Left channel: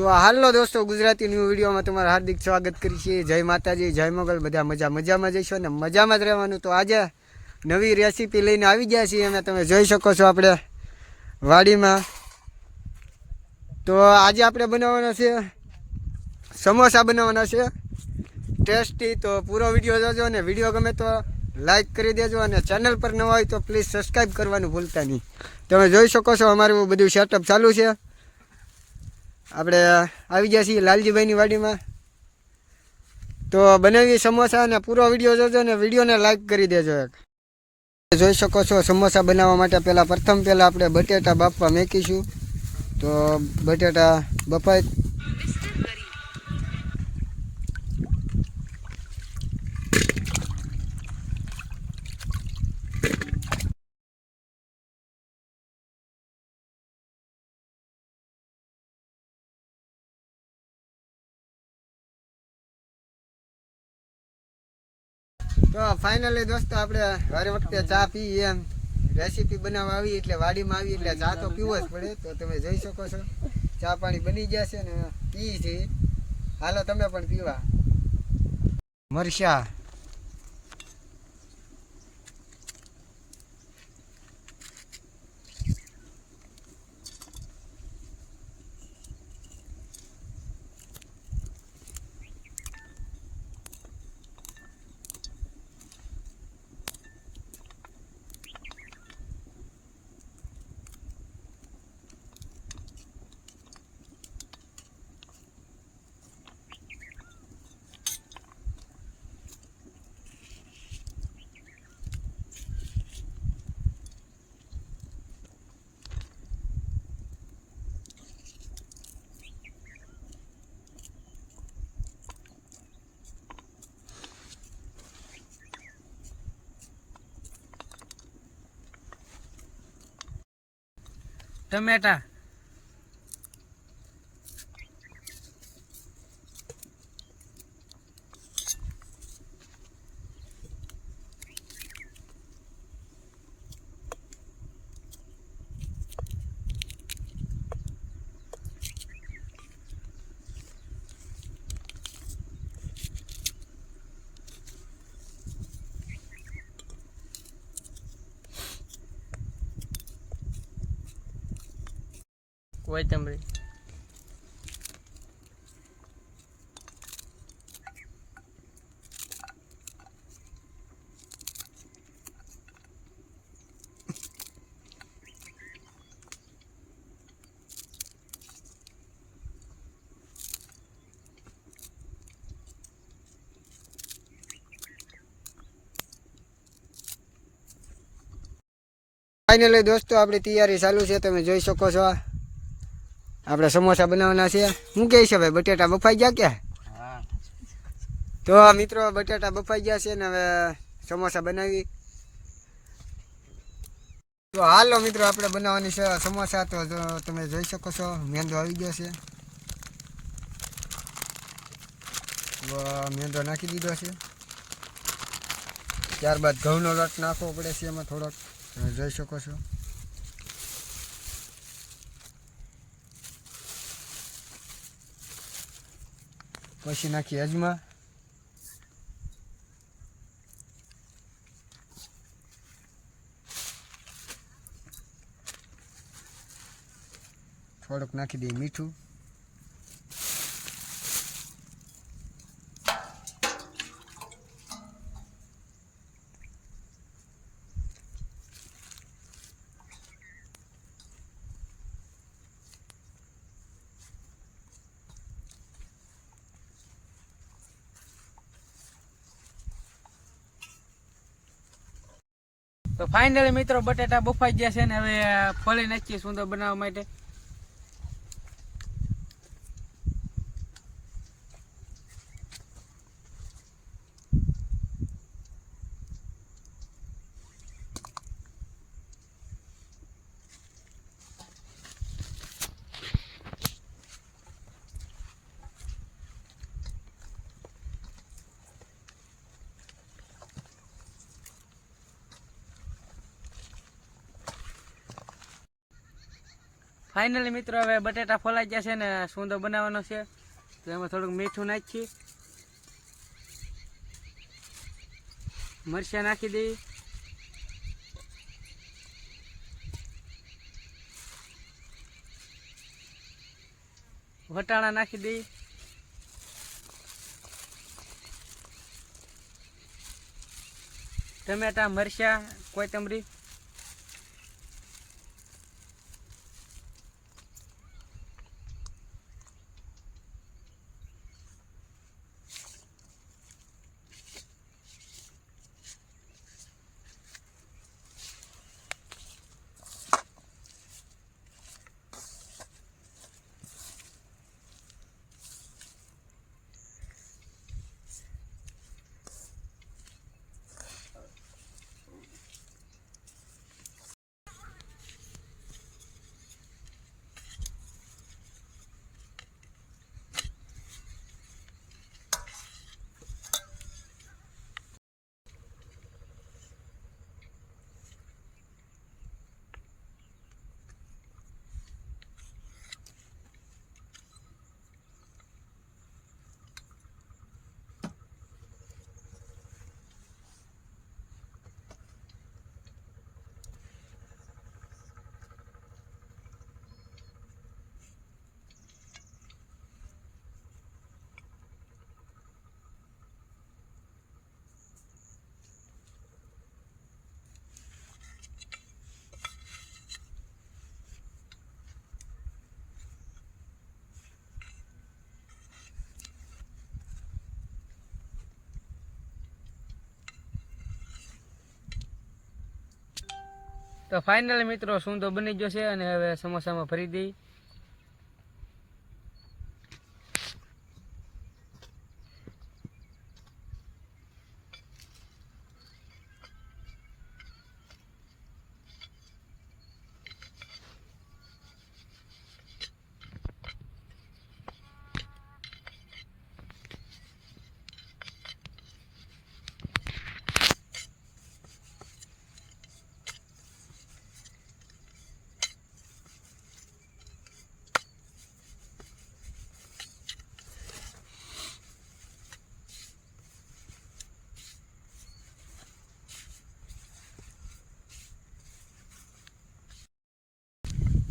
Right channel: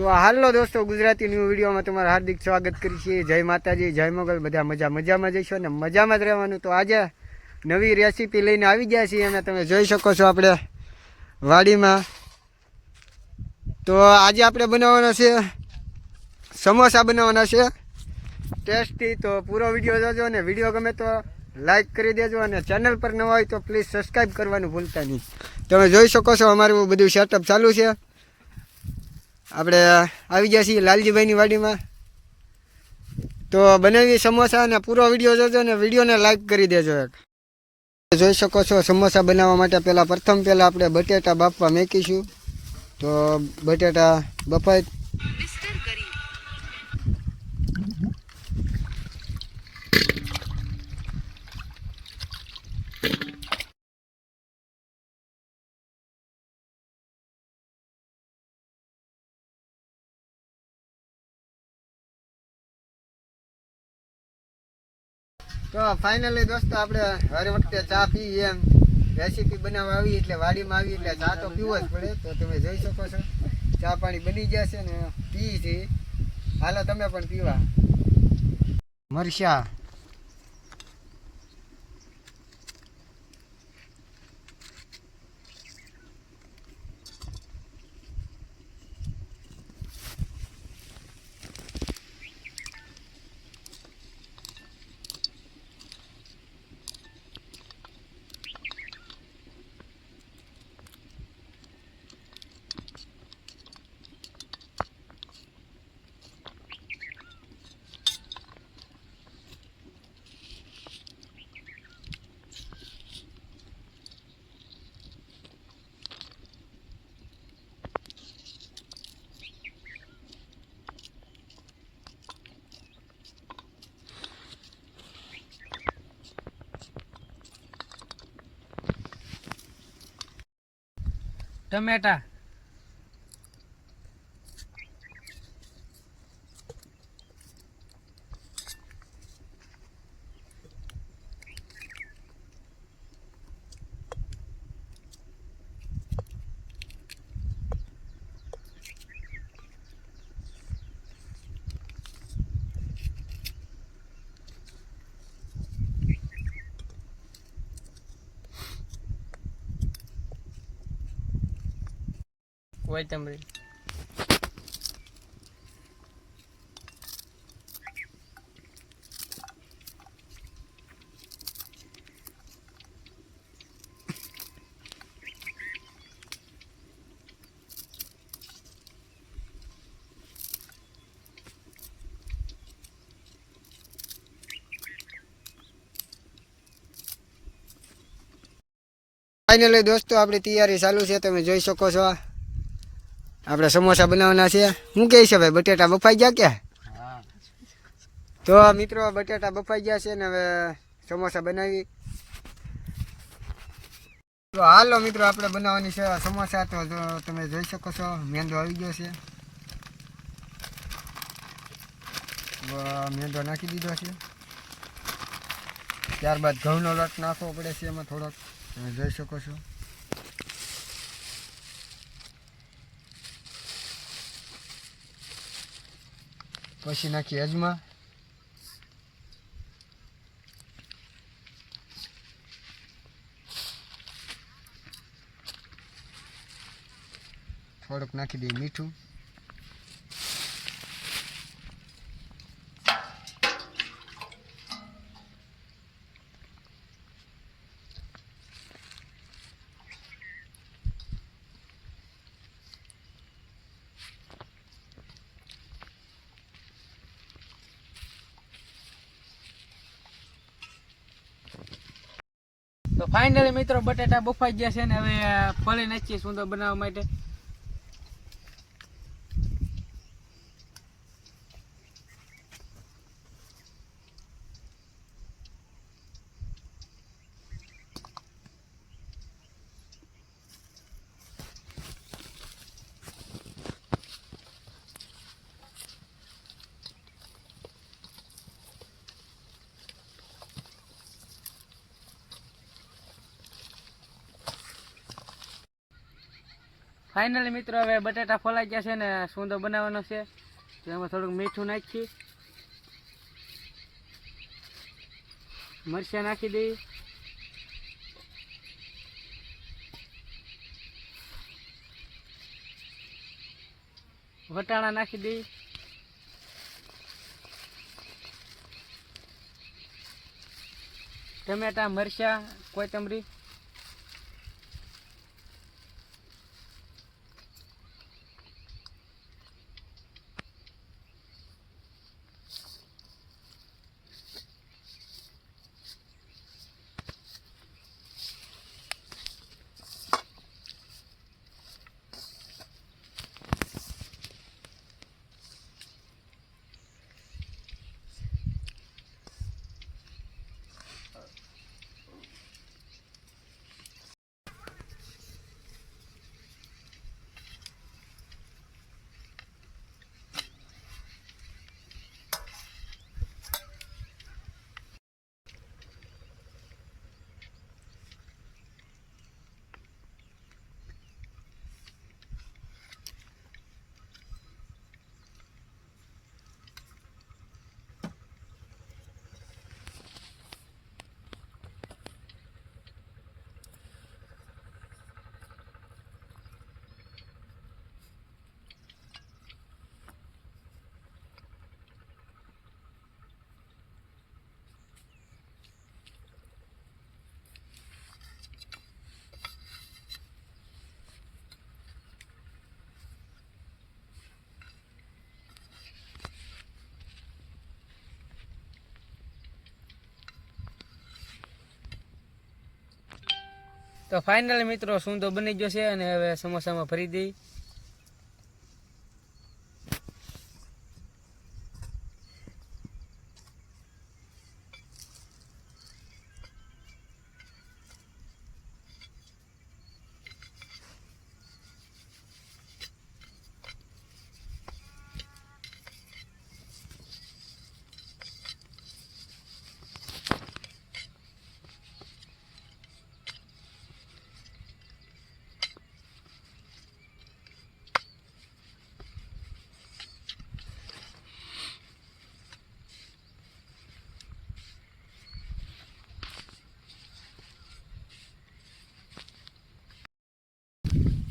તો હાલો દોસ્તો, ગુજરાતી ન્યૂ વિડીયોમાં તમારું હાર્દિક સ્વાગત કરી છે જય માતાજી, જય મોગલ, બધા મજા મજામાં જઈશું અને મજામાં જ રહેવાનું. તો આજે નવી રેસીપી લઈને આવી ગયા છીએ અને તમે જોઈ શકો છો આપણે વાડીમાં. તો આજે આપણે બનાવવાના છે, સમોસા બનાવવાના છે. ટેસ્ટી. તો પૂરો વીડિયો જોજો અને વીડિયો ગમે તો લાઈક કરી દેજો અને ચેનલ પર નવા હોય તો પ્લીઝ સબસ્ક્રાઈબ કરવાનું ભૂલતા નહીં. તમે જોઈ શકો છો અમારું બધું સેટઅપ ચાલુ છે. આપણે આવી ગયા છીએ લાલજીભાઈની વાડીમાં. તો બનાવી સમોસા અને પૂરો વીડિયો જોજો અને વિડીયોને લાઈક કરી દેજો એક. જોઈ શકો છો સમોસા બનાવવા માટે પહેલાં પ્રથમ પહેલાં આપણે બટેટા બાફવા મેકીશું. તો બટેટા બફાય તો ફાઇનલી દોસ્તો આપણે હર વખતે ચા પીએ એમ. રેસીપી બનાવવા આવી એટલે વાડીમાં આવી એટલે ચા તો પીવો જ પડે. તો તમે જોઈ શકો છો. ચા પાણી બની ગયા છે ને પી છે. હાલો, તમે પણ પીવા. મરચા. ટમેટા. કોથમરી ફાઇનલી દોસ્તો આપણી તૈયારી ચાલુ છે તમે જોઈ શકો છો આપણે સમોસા બનાવવાના છે. શું કહે છે, ભાઈ, બટેટા બફાઈ ગયા કે તો મિત્રો બટેટા બફાઈ ગયા છે ને હવે સમોસા બનાવી. તો હાલો મિત્રો, આપણે બનાવવાની છે સમોસા. તો તમે જોઈ શકો છો, મેંદો આવી ગયો છે. મેંદો નાખી દીધો છે. ત્યારબાદ ઘઉંનો લોટ નાખવો પડે છે એમાં થોડોક. તમે જોઈ શકો છો. પછી નાખીએ અજમા. થોડુંક નાખી દઈએ મીઠું. તો ફાઇનલી મિત્રો બટાટા બફાઈ ગયા છે ને હવે ફળી નાખીએ સુંદર બનાવવા માટે. ફાઇનલી મિત્રો, હવે બટેટા ફોલાઈ ગયા છે ને સૂંદો બનાવવાનો છે. તો એમાં થોડુંક મીઠું નાખી. મરચાં નાખી દઈ. વટાણા નાખી દઈ. ટમેટા, મરચાં, કોથમરી. તો ફાઇનલ મિત્રો સૂંદો બની ગયો છે અને હવે સમોસામાં ભરી દઈ.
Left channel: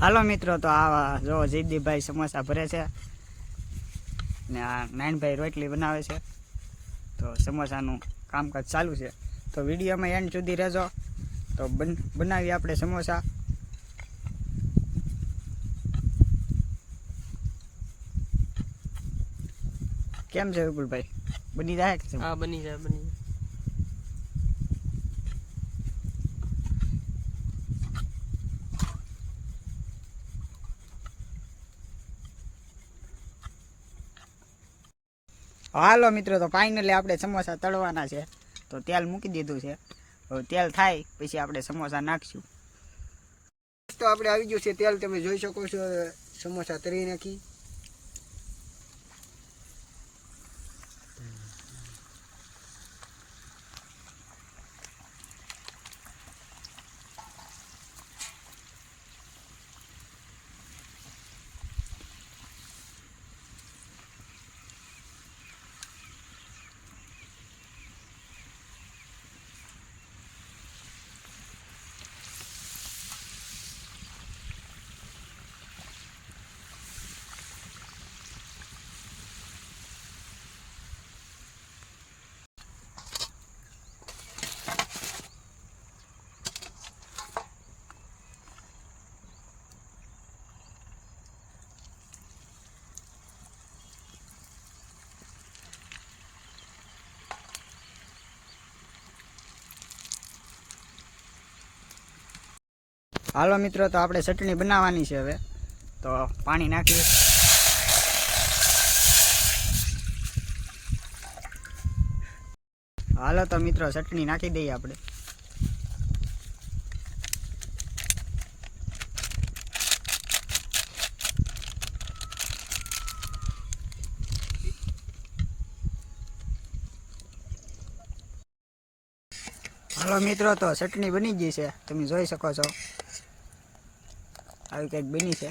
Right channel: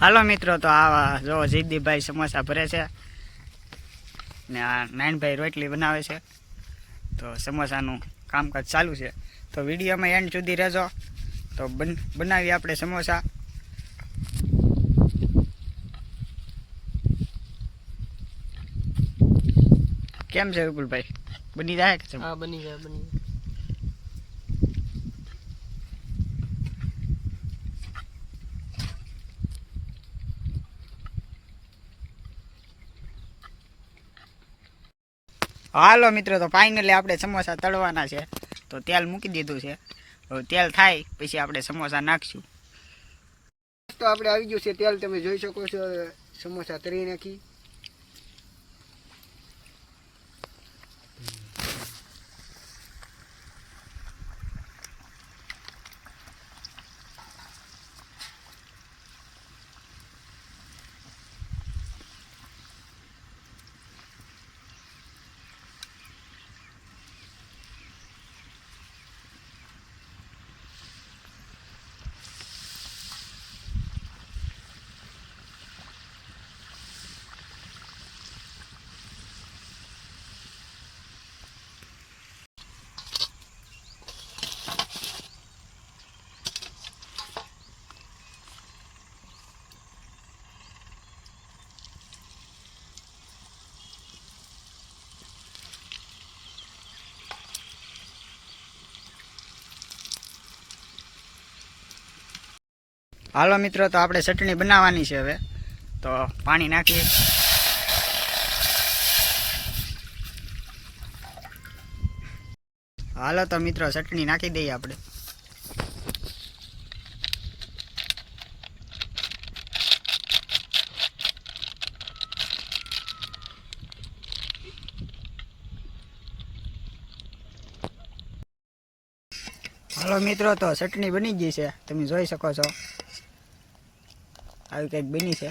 હાલો મિત્રો, તો આવા જો જયદીપભાઈ સમોસા ભરે છે ને આ નાનભાઈ રોટલી બનાવે છે. તો સમોસાનું કામકાજ ચાલુ છે. તો વિડીયોમાં એન્ડ સુધી રહેજો. તો બન, બનાવીએ આપણે સમોસા. કેમ છે વિપુલભાઈ? બની જાય કે બની જાય બની જાય. હાલો મિત્રો, તો ફાઇનલી આપણે સમોસા તળવાના છે. તો તેલ મૂકી દીધું છે. હવે તેલ થાય, પછી આપણે સમોસા નાખશું. તો આપણે આવી ગયું છે તેલ, તમે જોઈ શકો છો, સમોસા તરી નાખી. હાલો મિત્રો, તો આપણે ચટણી બનાવવાની છે હવે. તો પાણી નાખીએ. હાલો તો મિત્રો, ચટણી નાખી દઈએ આપણે. હાલો મિત્રો, તો ચટણી બની ગઈ છે. તમે જોઈ શકો છો. આવી કંઈક બની છે.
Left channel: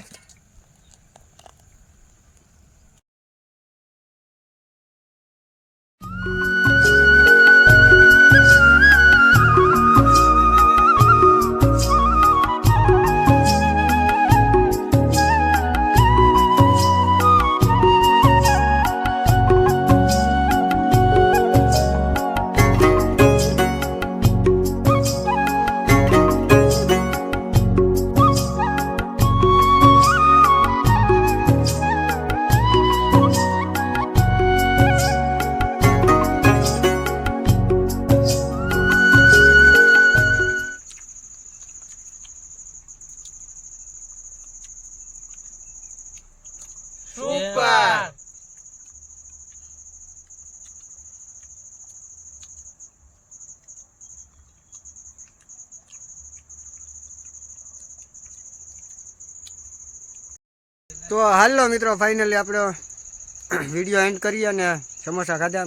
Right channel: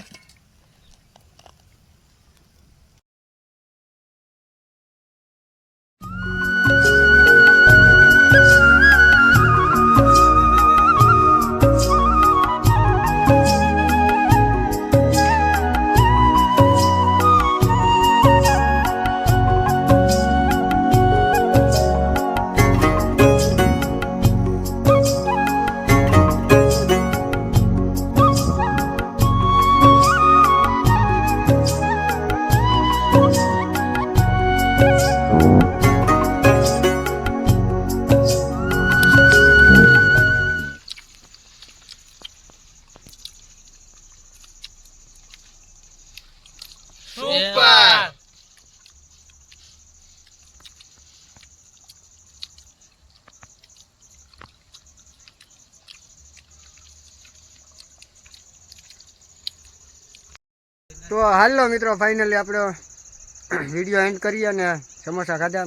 તો હાલો મિત્રો ફાઇનલી આપણો વીડિયો એન્ડ કરીએ અને સમોસા ખાધા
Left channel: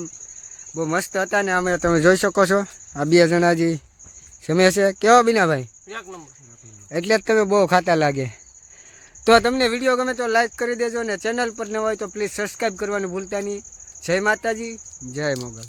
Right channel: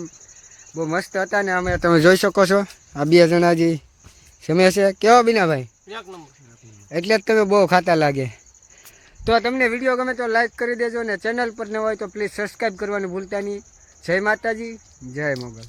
બહુ મસ્ત હતા ને અમે તમે જોઈ શકો છો. આ બે જણાજી સમય છે. કેવો બીનાભાઈ? એટલે જ તમે બહુ ખાતા લાગે. તો તમને વીડિયો ગમે તો લાઈક કરી દેજો ને ચેનલ પર ન હોય તો પ્લીઝ સબસ્ક્રાઈબ કરવાનું ભૂલતા નહીં. જય માતાજી જય મોગલ.